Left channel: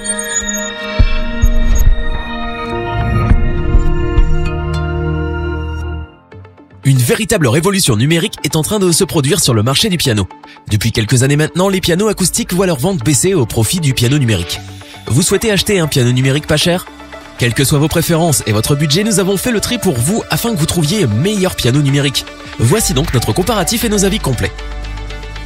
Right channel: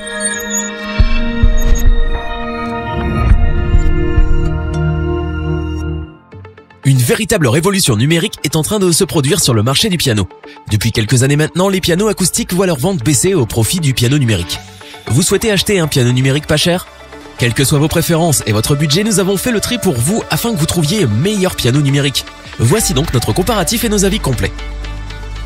Une véritable révolution numérique est en train de se produire sur le marché du piano. Depuis quelques années maintenant, les pianos acoustiques voient leur vente baisser au profit du piano numérique. Vous souhaitez acheter un piano numérique pas cher ? Quelles que soient vos préférences et votre budget, nous avons fait le tri pour vous afin que vous trouviez le meilleur piano numérique. Voici donc notre comparatif et nos avis complets.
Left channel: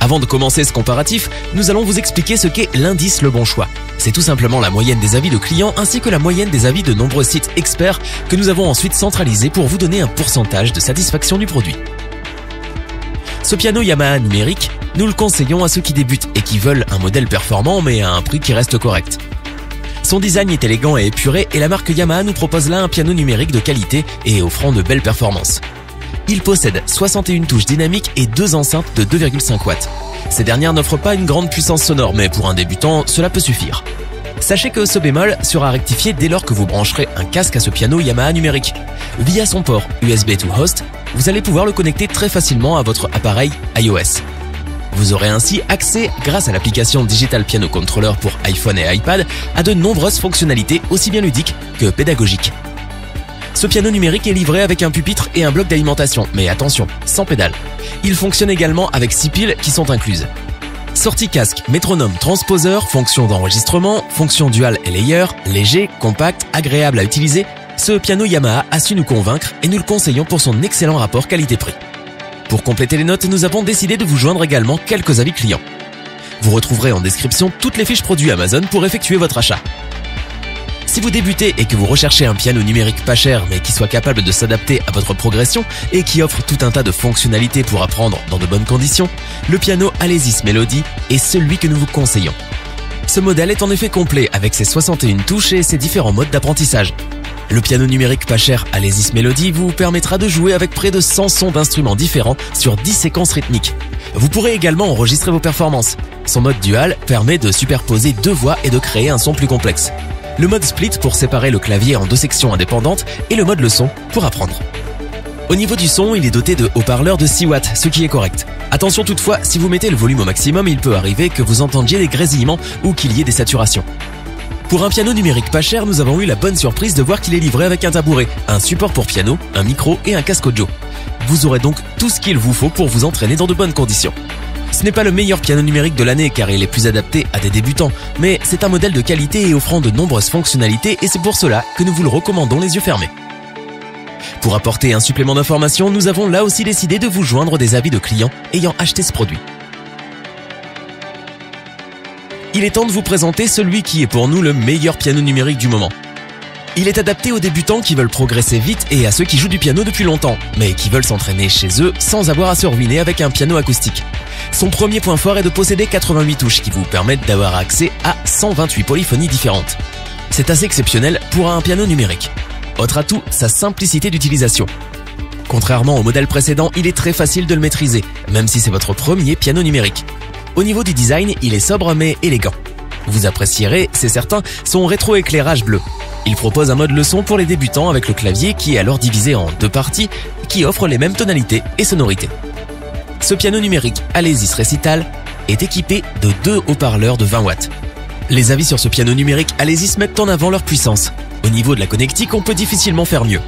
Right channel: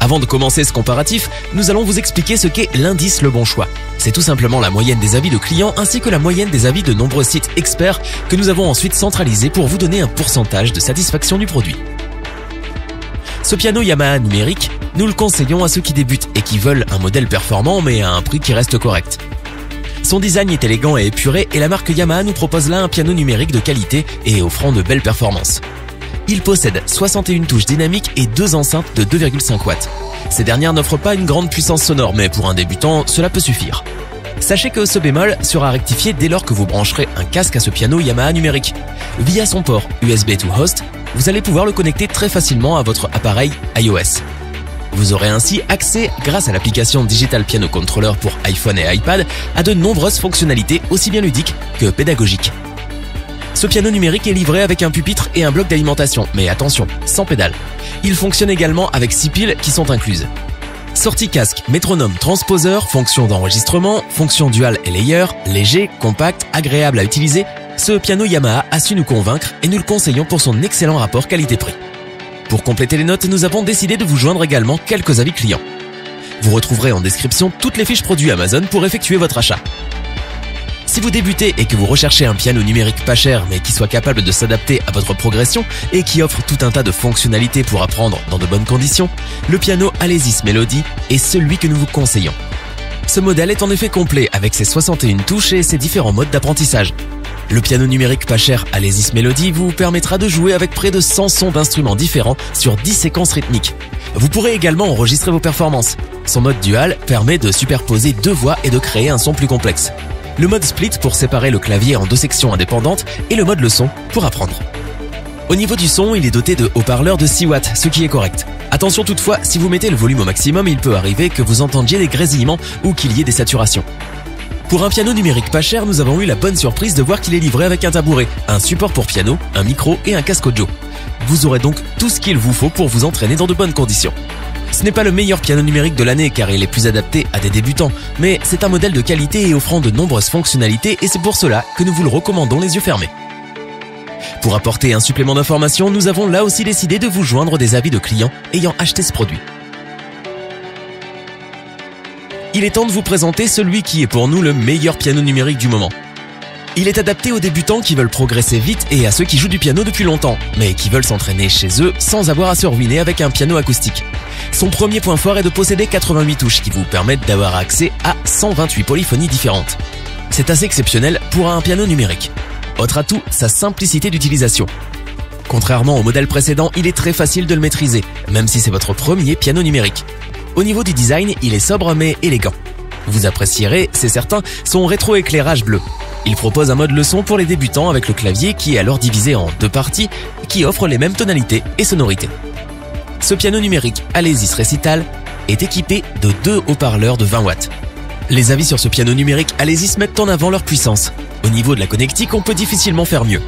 Avant de commencer ce comparatif, nous allons vous expliquer ce qu'est l'indice Le Bon Choix. C'est tout simplement la moyenne des avis de clients ainsi que la moyenne des avis de nombreux sites experts que nous avons ensuite centralisés pour vous donner un pourcentage de satisfaction du produit. Ce piano Yamaha numérique, nous le conseillons à ceux qui débutent et qui veulent un modèle performant mais à un prix qui reste correct. Son design est élégant et épuré et la marque Yamaha nous propose là un piano numérique de qualité et offrant de belles performances. Il possède 61 touches dynamiques et 2 enceintes de 2,5 watts. Ces dernières n'offrent pas une grande puissance sonore, mais pour un débutant, cela peut suffire. Sachez que ce bémol sera rectifié dès lors que vous brancherez un casque à ce piano Yamaha numérique. Via son port USB to Host, vous allez pouvoir le connecter très facilement à votre appareil iOS. Vous aurez ainsi accès, grâce à l'application Digital Piano Controller pour iPhone et iPad, à de nombreuses fonctionnalités aussi bien ludiques que pédagogiques. Ce piano numérique est livré avec un pupitre et un bloc d'alimentation, mais attention, sans pédale. Il fonctionne également avec 6 piles qui sont incluses. Sortie casque, métronome, transposeur, fonction d'enregistrement, fonction dual et layer, léger, compact, agréable à utiliser, ce piano Yamaha a su nous convaincre et nous le conseillons pour son excellent rapport qualité-prix. Pour compléter les notes, nous avons décidé de vous joindre également quelques avis clients. Vous retrouverez en description toutes les fiches produits Amazon pour effectuer votre achat. Si vous débutez et que vous recherchez un piano numérique pas cher mais qui soit capable de s'adapter à votre progression et qui offre tout un tas de fonctionnalités pour apprendre dans de bonnes conditions, le piano Alesis Melody est celui que nous vous conseillons. Ce modèle est en effet complet avec ses 61 touches et ses différents modes d'apprentissage. Le piano numérique pas cher Alesis Melody vous permettra de jouer avec près de 100 sons d'instruments différents sur 10 séquences rythmiques. Vous pourrez également enregistrer vos performances. Son mode dual permet de superposer 2 voix et de créer un son plus complexe. Le mode split pour séparer le clavier en 2 sections indépendantes et le mode leçon pour apprendre. Au niveau du son, il est doté de haut-parleurs de 6 watts, ce qui est correct. Attention toutefois, si vous mettez le volume au maximum, il peut arriver que vous entendiez des grésillements ou qu'il y ait des saturations. Pour un piano numérique pas cher, nous avons eu la bonne surprise de voir qu'il est livré avec un tabouret, un support pour piano, un micro et un casque audio. Vous aurez donc tout ce qu'il vous faut pour vous entraîner dans de bonnes conditions. Ce n'est pas le meilleur piano numérique de l'année car il est plus adapté à des débutants, mais c'est un modèle de qualité et offrant de nombreuses fonctionnalités et c'est pour cela que nous vous le recommandons les yeux fermés. Pour apporter un supplément d'information, nous avons là aussi décidé de vous joindre des avis de clients ayant acheté ce produit. Il est temps de vous présenter celui qui est pour nous le meilleur piano numérique du moment. Il est adapté aux débutants qui veulent progresser vite et à ceux qui jouent du piano depuis longtemps, mais qui veulent s'entraîner chez eux sans avoir à se ruiner avec un piano acoustique. Son premier point fort est de posséder 88 touches qui vous permettent d'avoir accès à 128 polyphonies différentes. C'est assez exceptionnel pour un piano numérique. Autre atout, sa simplicité d'utilisation. Contrairement au modèle précédent, il est très facile de le maîtriser, même si c'est votre premier piano numérique. Au niveau du design, il est sobre mais élégant. Vous apprécierez, c'est certain, son rétroéclairage bleu. Il propose un mode leçon pour les débutants avec le clavier qui est alors divisé en 2 parties qui offrent les mêmes tonalités et sonorités. Ce piano numérique Alesis Recital est équipé de 2 haut-parleurs de 20 watts. Les avis sur ce piano numérique Alesis mettent en avant leur puissance. Au niveau de la connectique, on peut difficilement faire mieux.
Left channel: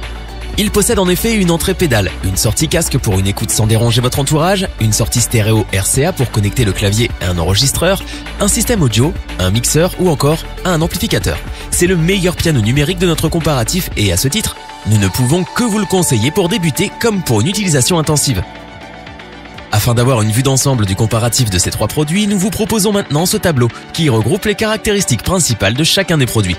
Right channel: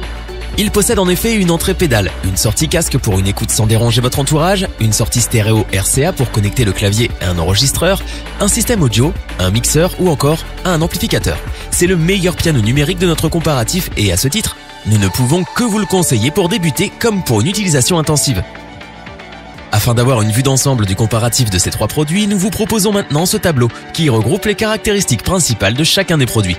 Il possède en effet une entrée pédale, une sortie casque pour une écoute sans déranger votre entourage, une sortie stéréo RCA pour connecter le clavier à un enregistreur, un système audio, un mixeur ou encore un amplificateur. C'est le meilleur piano numérique de notre comparatif et à ce titre, nous ne pouvons que vous le conseiller pour débuter comme pour une utilisation intensive. Afin d'avoir une vue d'ensemble du comparatif de ces 3 produits, nous vous proposons maintenant ce tableau qui regroupe les caractéristiques principales de chacun des produits.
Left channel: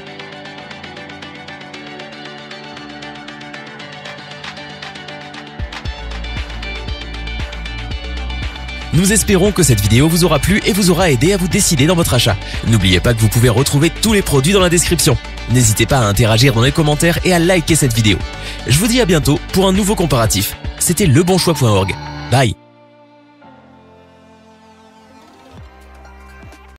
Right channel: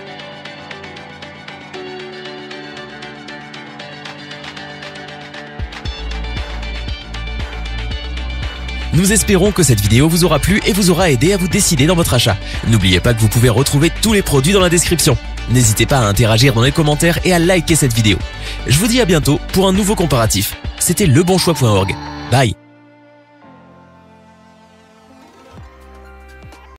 Nous espérons que cette vidéo vous aura plu et vous aura aidé à vous décider dans votre achat. N'oubliez pas que vous pouvez retrouver tous les produits dans la description. N'hésitez pas à interagir dans les commentaires et à liker cette vidéo. Je vous dis à bientôt pour un nouveau comparatif. C'était lebonchoix.org. Bye.